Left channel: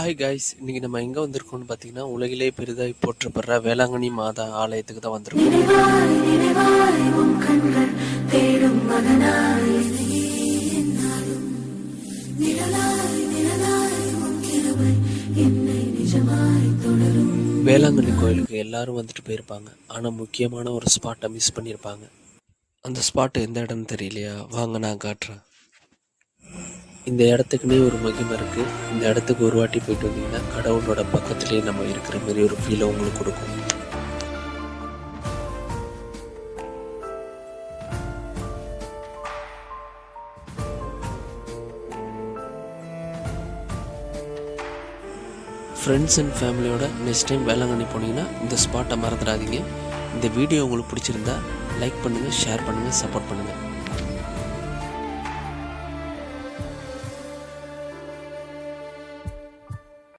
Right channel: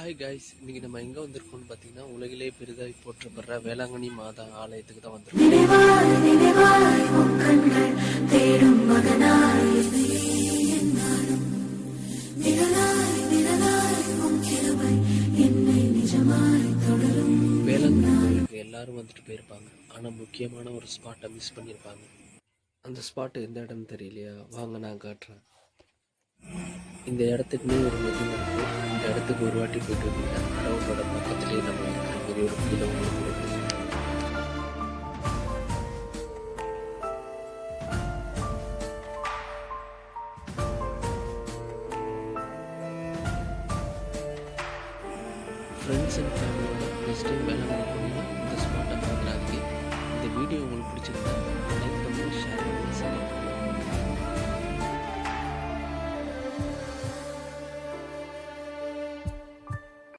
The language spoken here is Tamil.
ஹாய் காய்ஸ், இன்னைக்கு நம்ம எங்கே வந்திருக்கோம்னு பார்த்தீங்கன்னா, உலகிலே பெரிதாய் போற்றப்படுற வேளாங்கண்ணி மாதா ஆலயத்துக்கு தான் வந்திருக்கோம். நினைவாய் நினைவாய் உன் கண்கள் தேடும் மகனாய் என்னையே என்னாலும் நிழலாய் நிழலாய் உன் கிருபை என்னை நிஜமாய் தொடரும். வேளாங்கண்ணி கோயிலுக்கு எல்லாரும் வந்துட்டு போயிருப்பாங்க. ஆனால் முக்கியமான ஒரு ஸ்பாட்டை மிஸ் பண்ணியிருப்பாங்க. அந்த ஸ்பாட்டு எந்த இடம்னு தெரியலையா? வாங்க நான் காட்டுறேன். இந்த இடத்துக்குன்னே ஒரு மகிமை இருக்குது. இந்த இடத்துக்கு ஒரு வாட்டி போயிட்டு வந்தீங்கன்னா கடவுளோட பக்கத்துலேயே நம்ம இருக்கிற மாதிரி ஒரு ஃபீலை உங்களுக்கு கொடுக்கும். ஃப்ரெண்ட்ஸ் அண்ட் ஃபேமிலியோட நெக்ஸ்ட் டைம் வேளாங்கண்ணி போனீங்கன்னா இந்த ஸ்பாட்டை மறந்துடாதீங்க. இந்த வீடியோ உங்களுக்கு பிடிச்சிருந்தா லைக் பண்ணுங்கள், ஷேர் பண்ணுங்கள், சப்போர்ட் பண்ணுங்கள்.